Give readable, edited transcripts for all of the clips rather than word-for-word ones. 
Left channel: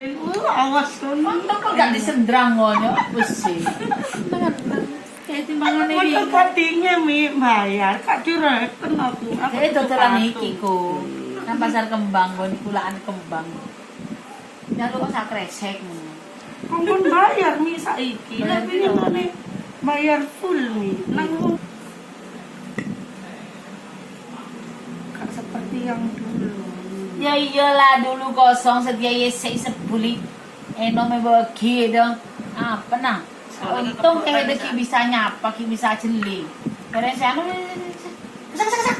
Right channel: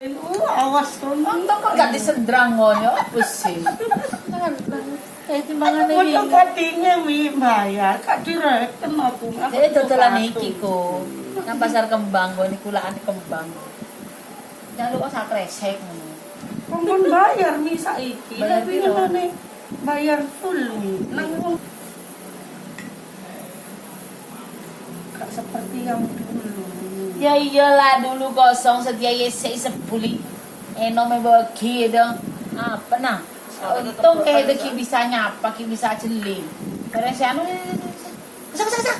Awas kon. Untung kok gak disendrang ngono, wis sih. Kayak timbangan iki. Kok kadinya mi bayar, kak direken aku. Dhewe dodolan iki ku. Nang pasar kembang kok niku lakan kembang. Nyalu kok sak kresek ngono. Kamu bayar nih saiki, Bayar tapi piro? ini bayar full nih. Nang gak seperti yang dulu. Ya iyalah dulu kosong sedia yesek sebuli. Eno membagi dong. Apa nah? Untung kayak itu ki bisa nyapa, ki bisa jeli. Karena saya anu kesak.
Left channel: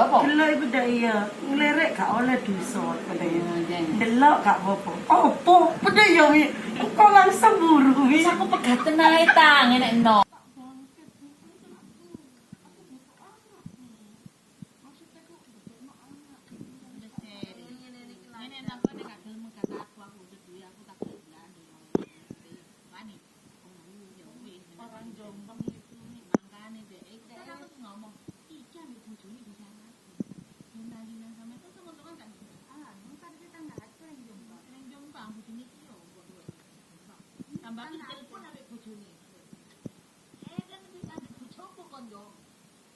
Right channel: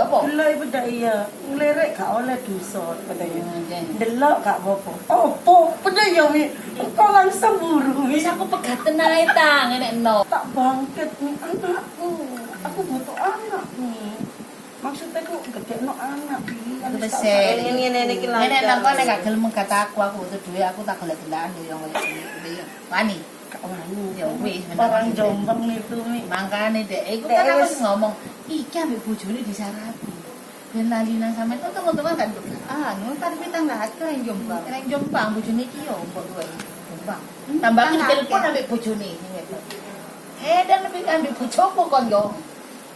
Apa? Delok ibu dak iya, ngelerek gak oleh dosa katanya. Jangan. Delok gak apa-apa. Opo, pede ya mi. Kok langsung buru mi. Bisa aku pegaten ae tang enek no. Tak bangkit nih anakku. Aku butuh anak nih. Maksudnya kok gede no anak pilihan. Aku besek. Ini ki Nenek nang kono gak gelem kata aku butuh duit aku tak gelek-gelekan yo koyo ngene. Wani. Gak wani. Ya wis Orang Jombang itu mi. Makane dek iku kan aku wis ngomong, iki ambek bojone disarapi. Ben lali nang sampe tunggu-tunggu kan. Ah, ngono tadi pitang lah keren Jombang. Keren Jombang bojone iki yo mbok duwe. Jombang. Tambah iki telepon ambek bojone. Dan lebih ambek bojoku kon yo.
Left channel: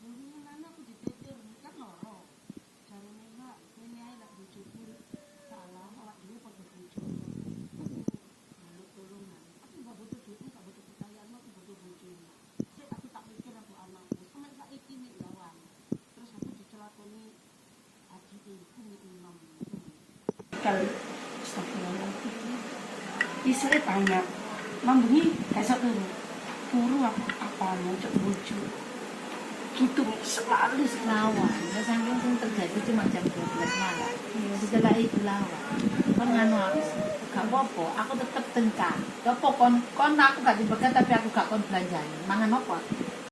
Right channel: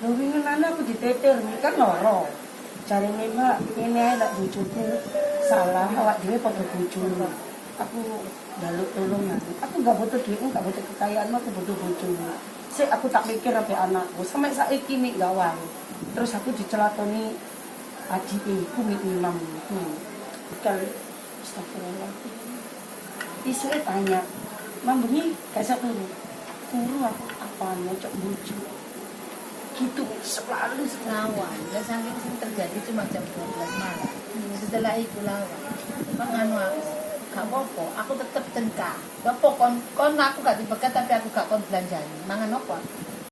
Lho wingi nana aku ditetir mi kan loro. Cari nih mbak, ini aja tak bojoku salah, awak dhewe padha bojomu. Aku jaluk tolong ya. Aku gak butuh duit, gak butuh kekayaan, aku butuh bojomu. Sik aku tak pikir apa anakku, sampai saiki nih gawang. Terus aku dicelatoni adikku mi imam. Kali astagfirullahaladzim. Isuke tanya, "Mambengi gak turu." Turu apa mau cok bojo. Gitu selalu Lawan, ya saking sing terjadi cuma jam 12 malam. Setelah itu lawan. Kon nganu aku. Gak apa-apa, aku tetep tentang. Ya apa kon aku gak dibegat tapi aku gak kon belanjani. Mangan apa?